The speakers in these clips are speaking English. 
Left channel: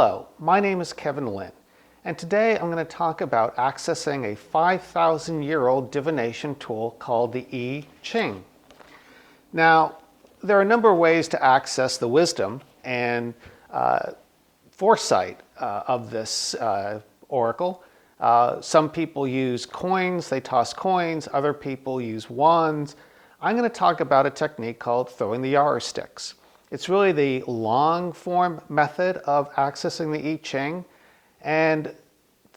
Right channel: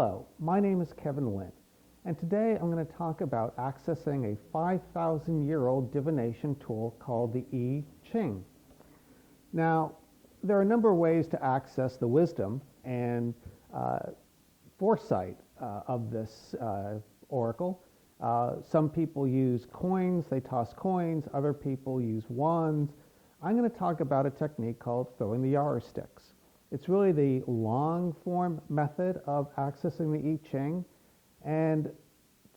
Hello, my name is Kevin Lynn, and today I'm going to talk about accessing a 5,000-year-old divination tool called the I-Ching. Now, there are a number of ways to access the wisdom and foresight of this oracle. Some people use coins, they toss coins, other people use wands. I'm going to talk about a technique called throwing the Yarrow sticks. It's really the long form method of accessing the I-Ching, and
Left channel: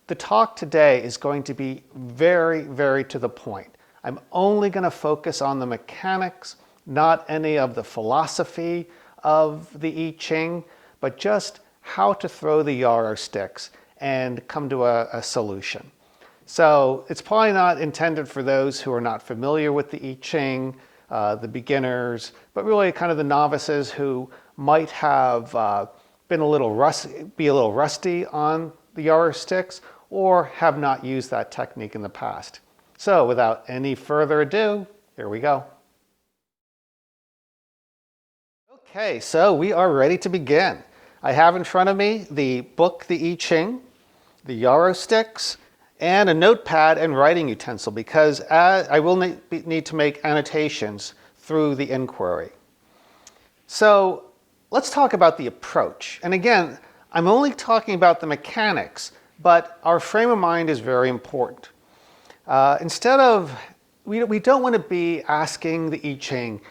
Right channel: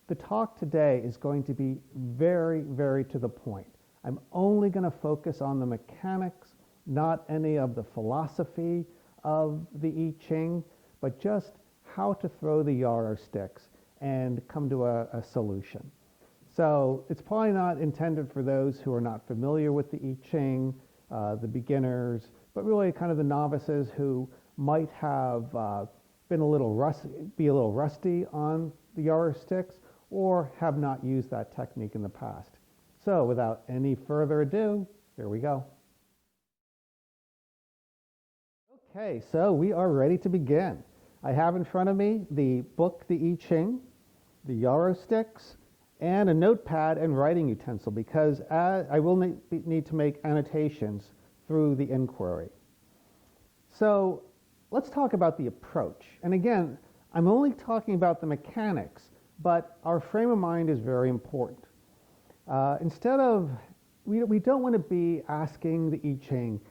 the talk today is going to be very, very to the point. I'm only going to focus on the mechanics, not any of the philosophy of the I-Ching, but just how to throw the Yarrow sticks and come to a solution. So it's probably not intended for those who are not familiar with the I-Ching, the beginners, but really kind of the novices who might have been a little rusty on the Yarrow sticks or have not used that technique in the past. So without any further ado, here we go. Okay, so we are ready to begin. I have in front of me the book, the I-Ching, the Yarrow sticks, and a notepad and writing utensil because I will need to make annotations through the inquiry. So let's talk about the approach. And again, I'm only talking about the mechanics, but our frame of mind is very important. We don't want to be asking the I-Ching,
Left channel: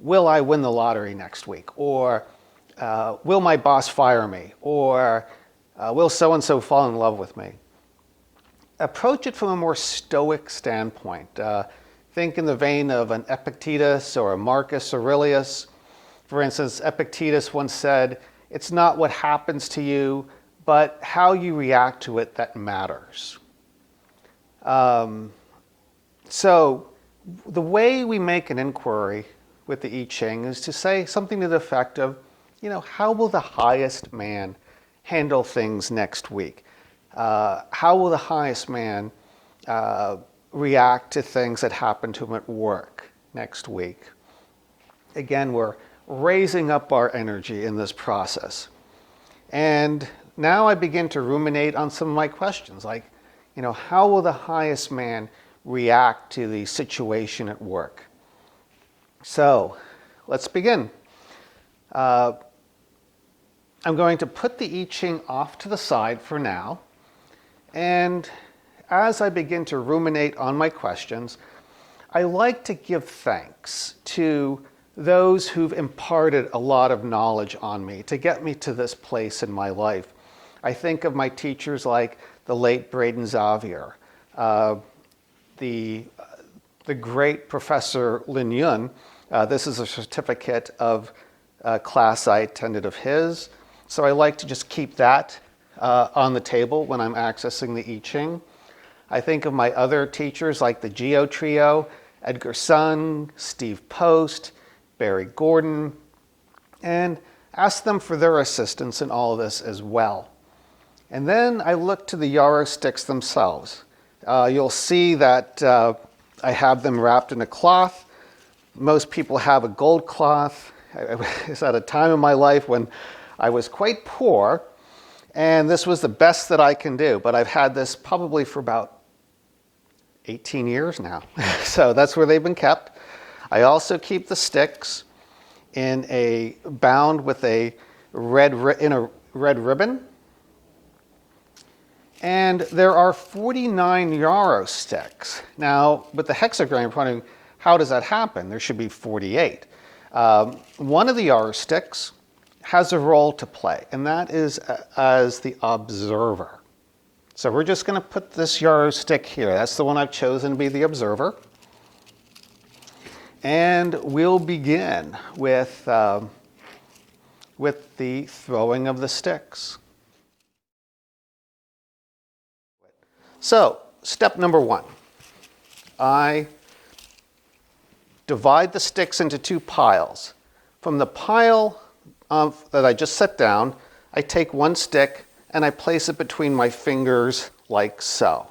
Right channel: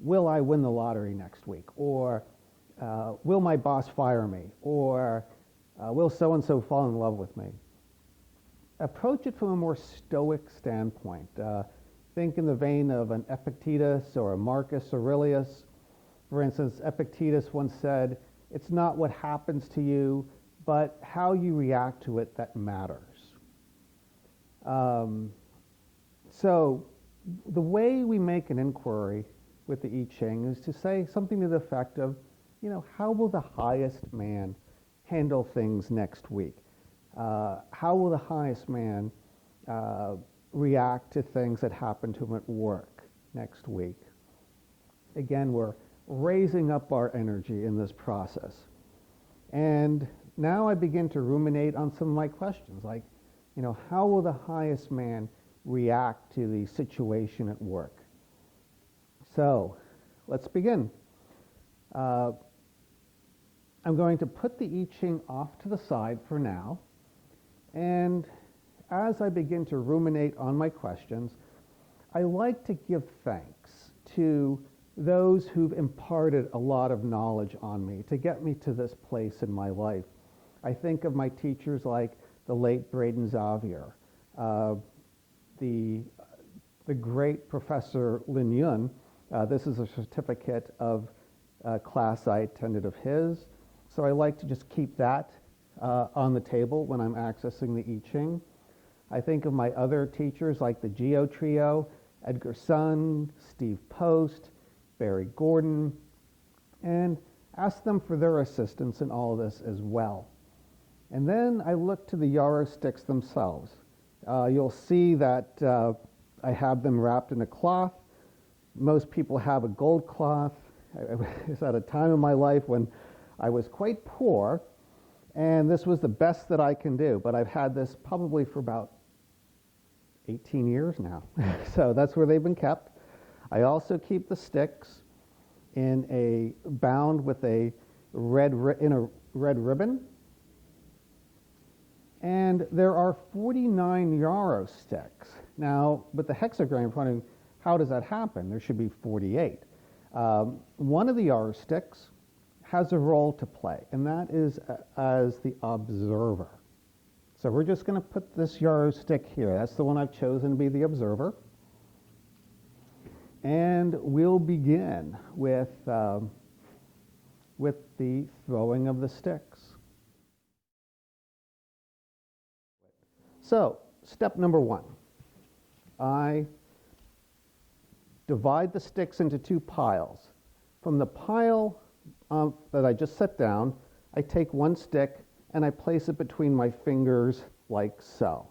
will I win the lottery next week? Or will my boss fire me? Or will so-and-so fall in love with me? Approach it from a more stoic standpoint. Think in the vein of an Epictetus or a Marcus Aurelius. For instance, Epictetus once said, "It's not what happens to you, but how you react to it that matters." So the way we make an inquiry with the I-Ching is to say something to the effect of, how will the highest man handle things next week? How will the highest man react to things that happen to him at work next week? Again, we're raising up our energy in this process. And now I begin to ruminate on some of my questions, like, how will the highest man react to the situation at work? So let's begin. I'm going to put the I-Ching off to the side for now. And as I begin to ruminate on my questions, I like to give thanks to those who've imparted a lot of knowledge on me to get me to this place in my life. I think of my teachers like the late Braden Xavier, the great Professor Lin Yun. This is a certificate of a class I attended of his. So I like to just keep that on the table when I'm accessing the I-Ching. I think of my other teachers like the Geo Trio, Edgar Sun, Steve Post, Barry Gordon, and ask them for their assistance in all of this as well. And then I look to the Yarrow sticks themselves. You'll see that I have them wrapped in a cloth. Most people have a gold cloth. It's at a time in my life when I was quite poor, and this was the best that I can do. But I've had this probably for about 18 years now. So that's where they've been kept. I also keep the sticks bound with a red ribbon. And there are 49 Yarrow sticks. Now, with the hexagram, you're wondering, how does that happen? There should be 48. One of the Yarrow sticks has a role to play, and that is as the observer. So we're just going to put this Yarrow stick here. That's the one I've chosen to be the observer. And we'll begin with the throwing of the sticks. So, step number one. I divide the sticks into two piles. From the pile that I just set down, I take one stick and I place it between my fingers like so.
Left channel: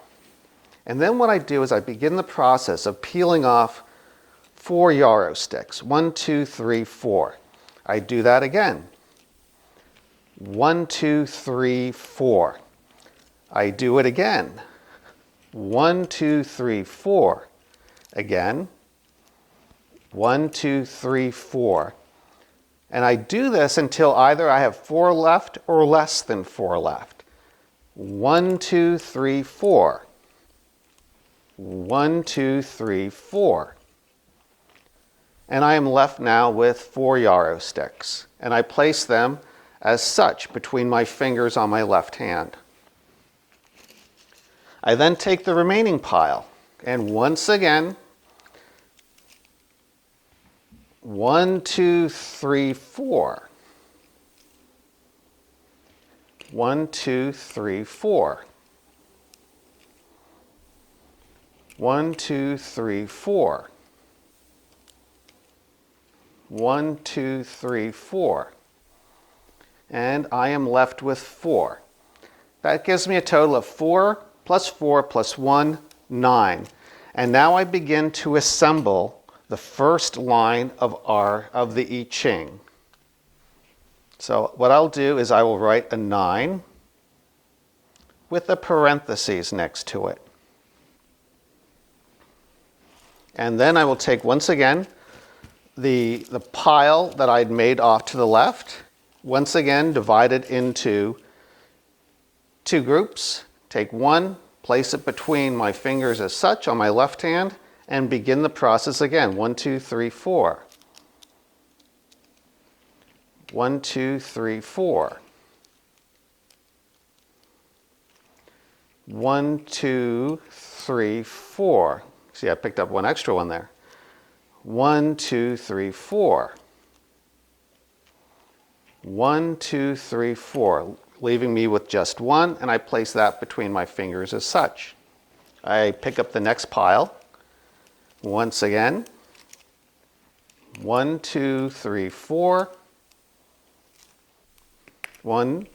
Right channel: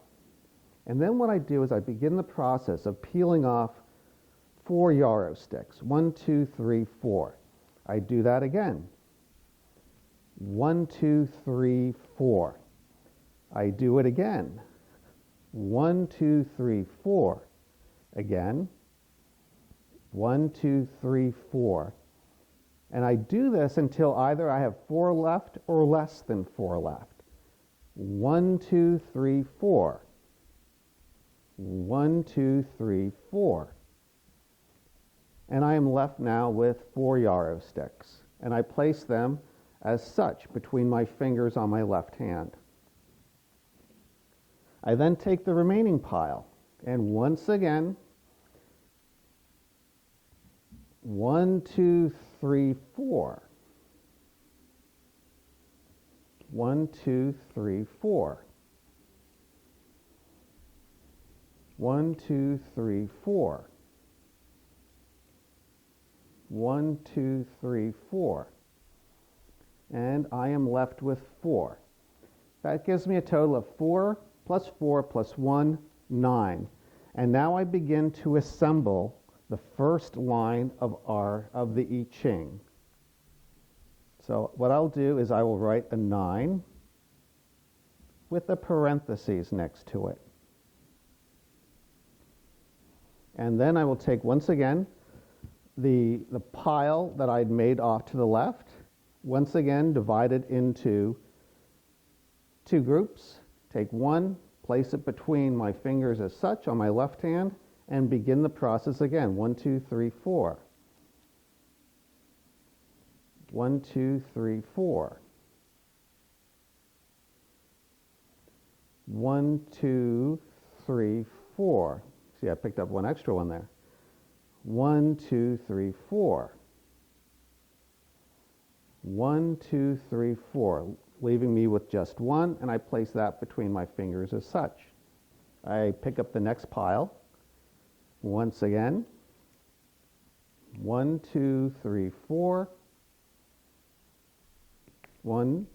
And then what I do is I begin the process of peeling off 4 Yarrow sticks. 1, 2, 3, 4. I do that again. 1, 2, 3, 4. I do it again. 1, 2, 3, 4. Again. 1, 2, 3, 4. And I do this until either I have 4 left or less than 4 left. 1, 2, 3, 4. 1, 2, 3, 4. And I am left now with 4 yarrow sticks. And I place them as such between my fingers on my left hand. I then take the remaining pile, and once again, 1, 2, 3, 4. 1, 2, 3, 4. 1, 2, 3, 4. 1, 2, 3, 4. And I am left with 4. That gives me a total of 4 plus 4 plus 1, 9. And now I begin to assemble the first line of the I-Ching. So what I'll do is I will write a 9 with a parentheses next to it. And then I will take, once again, the pile that I'd made off to the left, once again divided into 2 groups. Take one, place it between my fingers as such on my left hand, and begin the process again. 1, 2, 3, 4. 1, 2, 3, 4. 1, 2, 3, 4. See, I picked up one extra one there. 1, 2, 3, 4. 1, 2, 3, 4, leaving me with just one, and I place that between my fingers as such. I pick up the next pile. Once again, 1, 2, 3, 4. 1,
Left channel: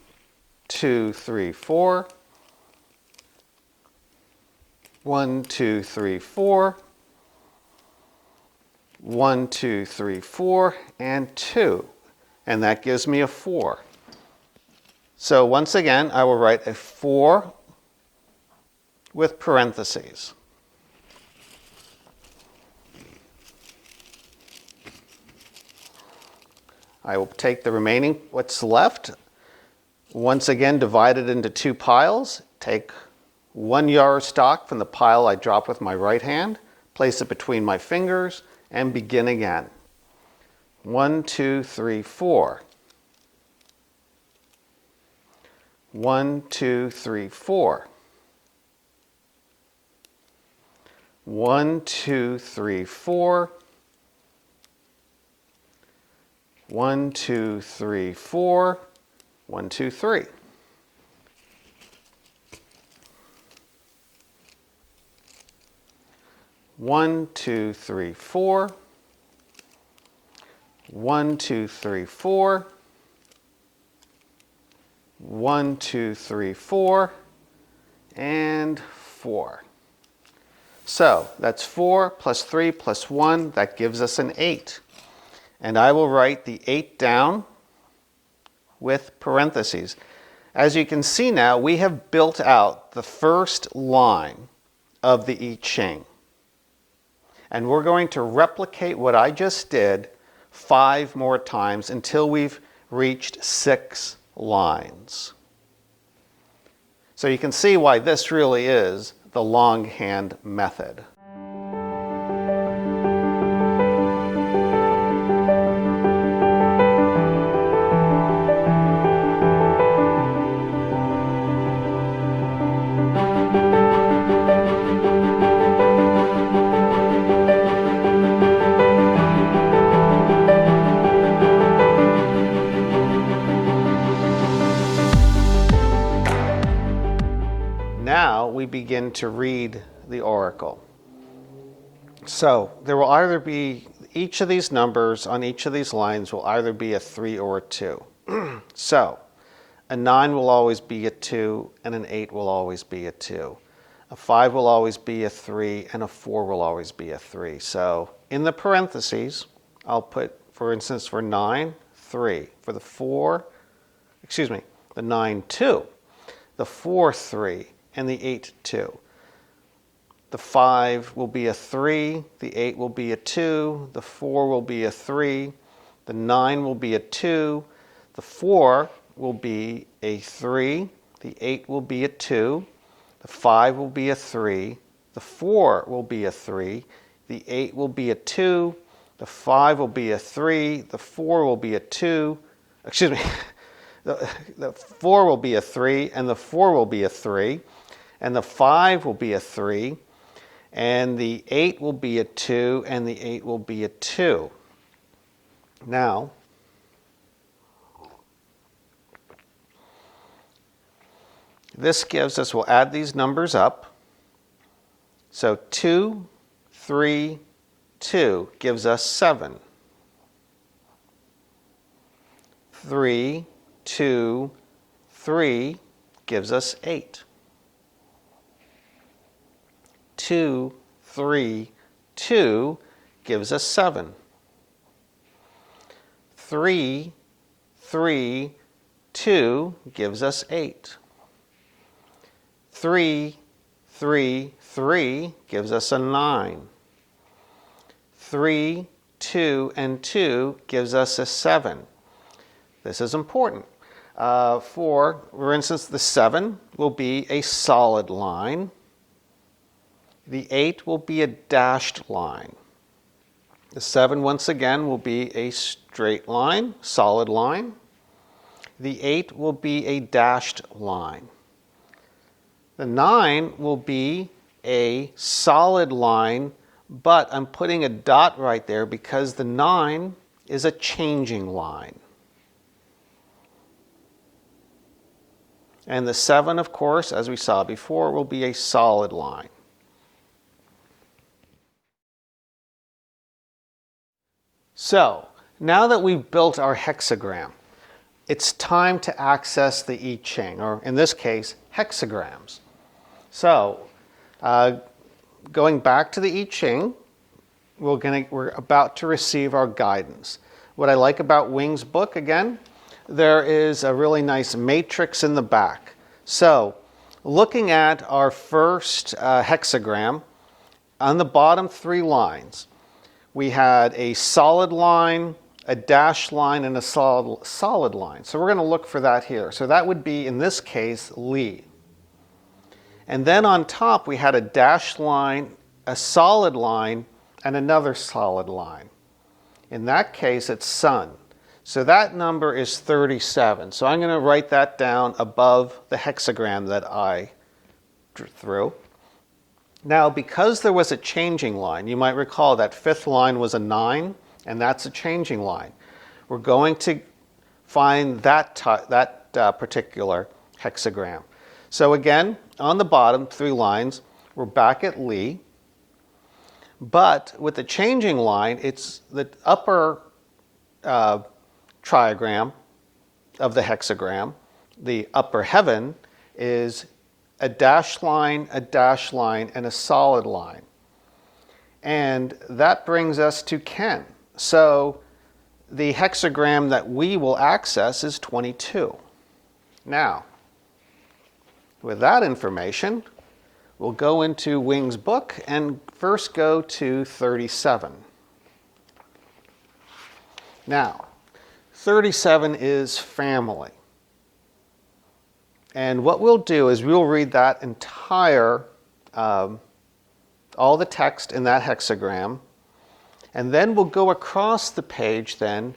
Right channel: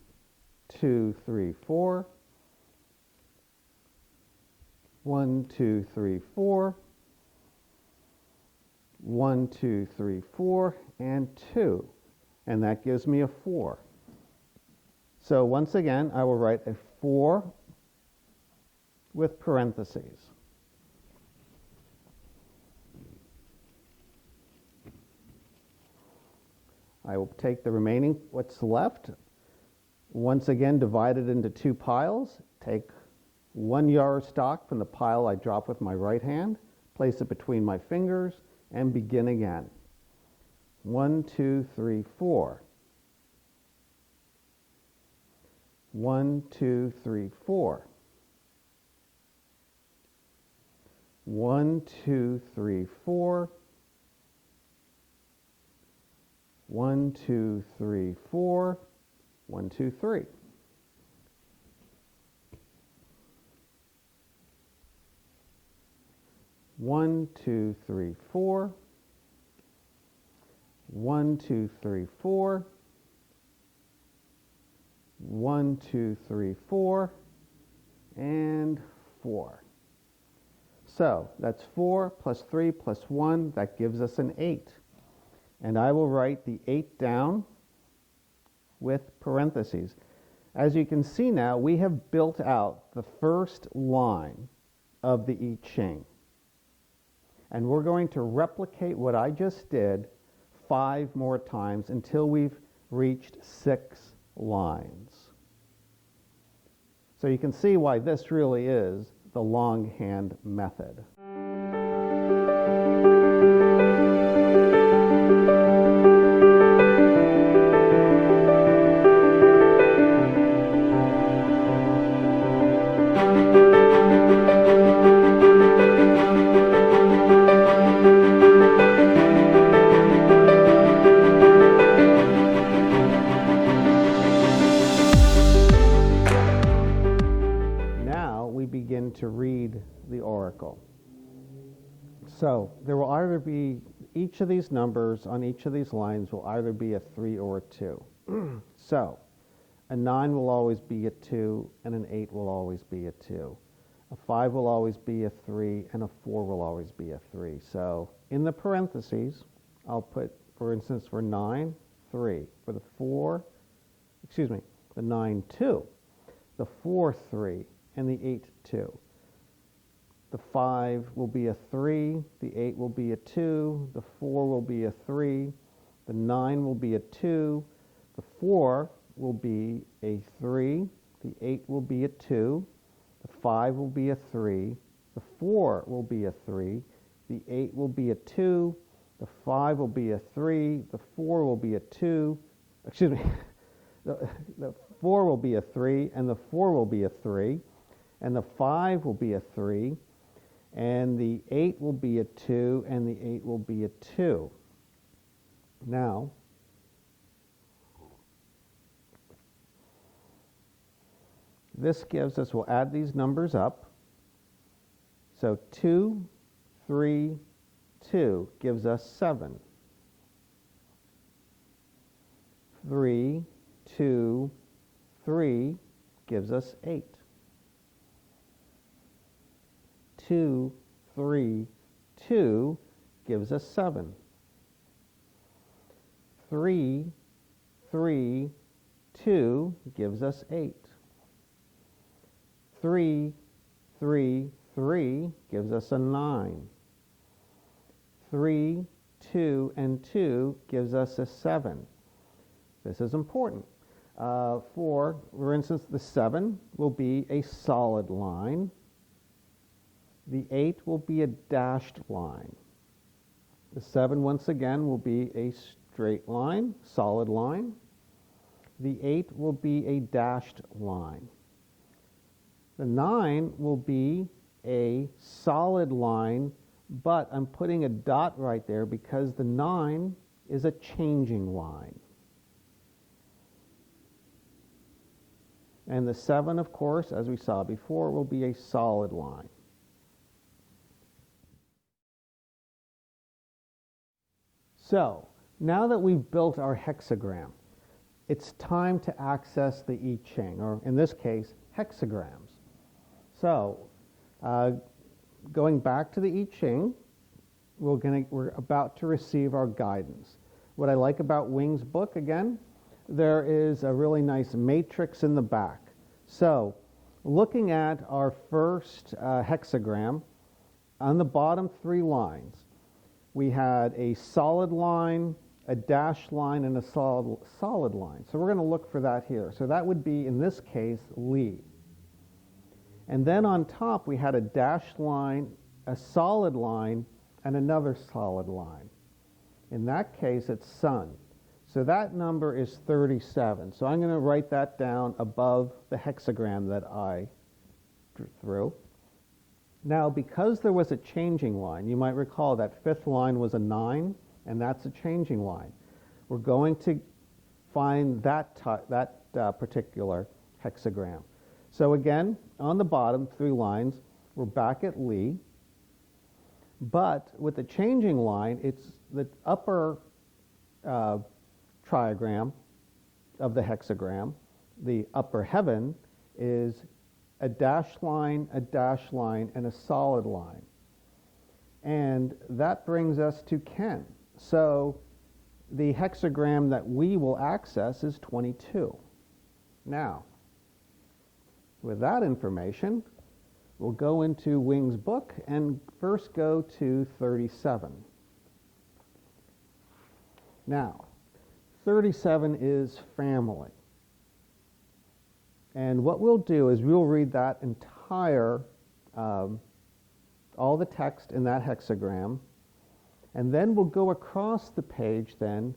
2, 3, 4. 1, 2, 3, 4. 1, 2, 3, 4, and 2. And that gives me a 4. So once again, I will write a 4 with parentheses. I will take the remaining, what's left, once again divide it into 2 piles, take 1 yarrow stalk from the pile I dropped with my right hand, place it between my fingers, and begin again. 1, 2, 3, 4. 1, 2, 3, 4. 1, 2, 3, 4. 1, 2, 3, 4. 1, 2, 3. One, 2, 3, 4. 1, 2, 3, 4. 1, 2, 3, 4. And 4. So that's 4 plus 3 plus 1. That gives us an 8. And I will write the 8 down with parentheses. As you can see now, we have built out the first line of the I-Ching. And we're going to replicate what I just did 5 more times until we've reached 6 lines. So you can see why this really is the longhand method. Now we begin to read the oracle. So there will either be, each of these numbers on each of these lines will either be a 3 or a 2. So a 9 will always be a 2, and an 8 will always be a 2. A 5 will always be a 3, and a 4 will always be a 3. So in the parentheses, I'll put, for instance, for 9, 3. For the 4, the 9, 2, the 4, 3, and the 8, 2. The 5 will be a 3, the 8 will be a 2, the 4 will be a 3, the 9 will be a 2, the 4 will be a 3, the 8 will be a 2, the 5 will be a 3, the 4 will be a 3, the 8 will be a 2, the 5 will be a 3, the 4 will be a 2, the 4 will be a 3, and the 4 will be a 3, and the 5 will be a 3, and the 8 will be a 2, and the 8 will be a 2. Now, this gives us, we'll add these numbers up. So 2, 3, 2 gives us 7. 3, 2, 3 gives us 8. 2, 3, 2 gives us 7. 3, 3, 2 gives us 8. 3, 3, 3 gives us a 9. 3, 2, and 2 gives us a 7. This is important. For instance, the 7 will be a solid line. The 8 will be a dashed line. The 7, once again, will be a straight line, solid line. The 8 will be a dashed line. The 9 will be a solid line, but I'm putting a dot right there because the 9 is a changing line. And the 7, of course, as we saw before, will be a solid line. So, now that we've built our hexagram, it's time to access the I-Ching, or in this case, hexagrams. So, going back to the I-Ching, we're about to receive our guidance. What I like about Wing's book, again, there is a really nice matrix in the back. So, looking at our first hexagram, on the bottom 3 lines, we had a solid line, a dashed line, and a solid line. So we're going to look for that here. So that would be, in this case, Li. And then on top, we had a dashed line, a solid line, and another solid line. In that case, it's Sun. So that number is 37. So I'm going to write that down above the hexagram that I drew through. Now, because there was a changing line, you might recall that 5th line was a 9, and that's a changing line. We're going to find that particular hexagram. So again, on the bottom 3 lines, we're back at Li. But with the changing line, it's the upper triagram of the hexagram. The upper heaven is a dashed line, and a solid line. And that brings us to Ken. So the hexagram that we will access is 22. Now, with that information, we'll go into Wing's book and first go to 37. Now, 37 is family. And what we'll do is we'll read that entire, all the text in that hexagram, and then we'll go across the page then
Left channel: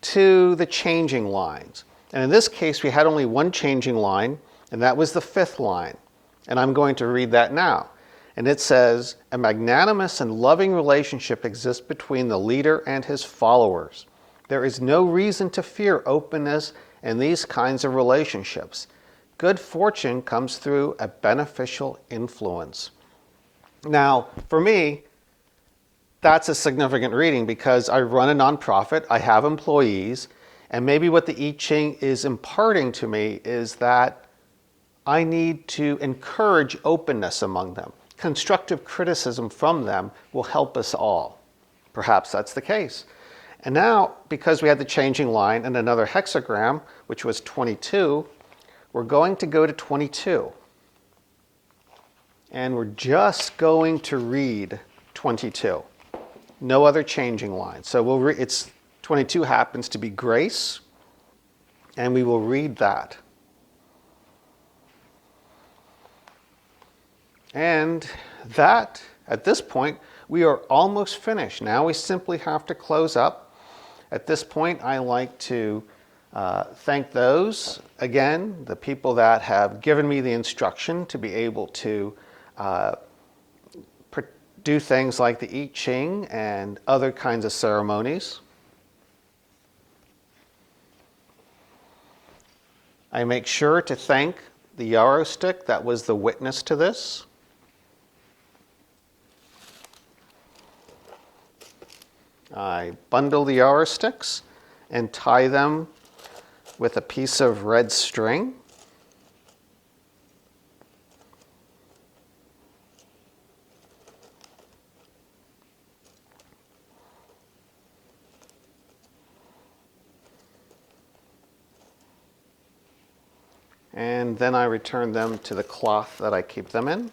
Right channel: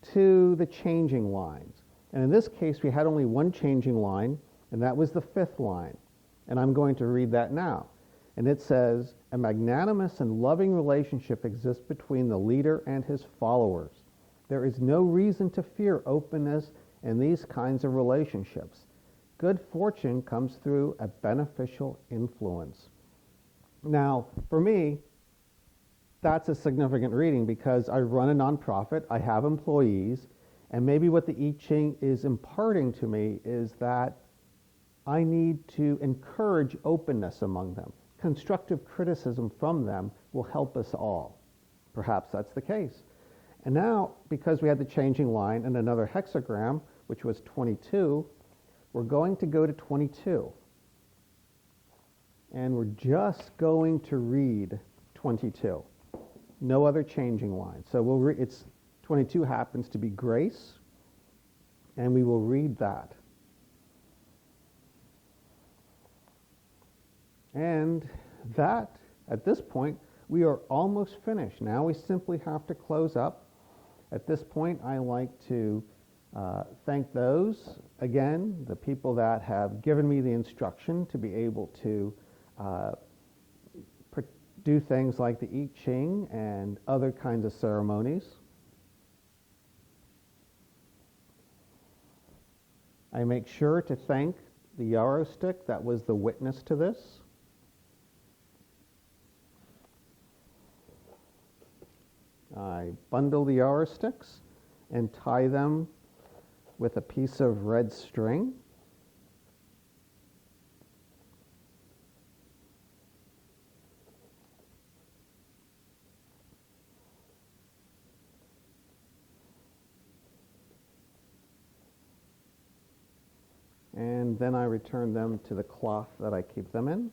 to the changing lines. And in this case, we had only one changing line, and that was the 5th line. And I'm going to read that now. And it says, a magnanimous and loving relationship exists between the leader and his followers. There is no reason to fear openness in these kinds of relationships. Good fortune comes through a beneficial influence. Now, for me, that's a significant reading because I run a nonprofit, I have employees, and maybe what the I-Ching is imparting to me is that I need to encourage openness among them. Constructive criticism from them will help us all. Perhaps that's the case. And now, because we had the changing line and another hexagram, which was 22, we're going to go to 22. And we're just going to read 22. No other changing line. So we'll it's 22 happens to be grace, and we will read that. And that, at this point, we are almost finished. Now we simply have to close up. At this point, I like to thank those, again, the people that have given me the instruction to be able to do things like the I-Ching and other kinds of ceremonies. I make sure to thank the Yarrow stick that was the witness to this. I bundle the Yarrow sticks and tie them with a piece of red string. And then I return them to the cloth that I keep them in.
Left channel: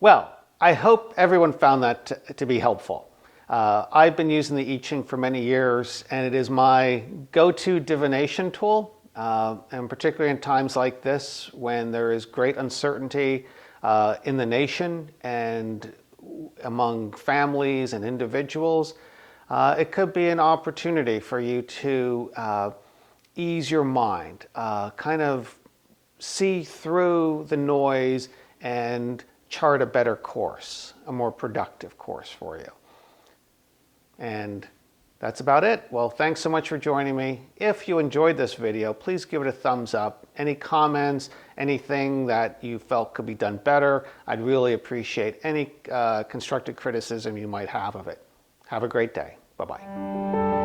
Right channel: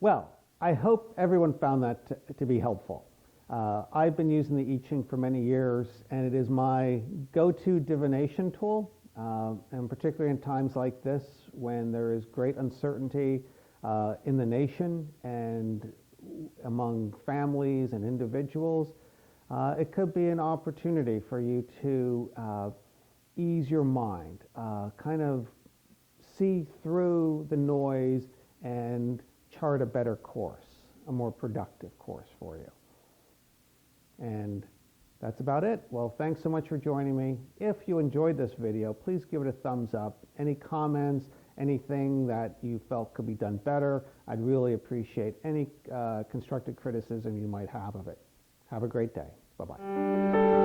Well, I hope everyone found that to be helpful. I've been using the I-Ching for many years, and it is my go-to divination tool, and particularly in times like this when there is great uncertainty in the nation and among families and individuals. It could be an opportunity for you to ease your mind, kind of see through the noise and chart a better course, a more productive course for you. And that's about it. Well, thanks so much for joining me. If you enjoyed this video, please give it a thumbs up. Any comments, anything that you felt could be done better, I'd really appreciate any constructive criticism you might have of it. Have a great day. Bye-bye.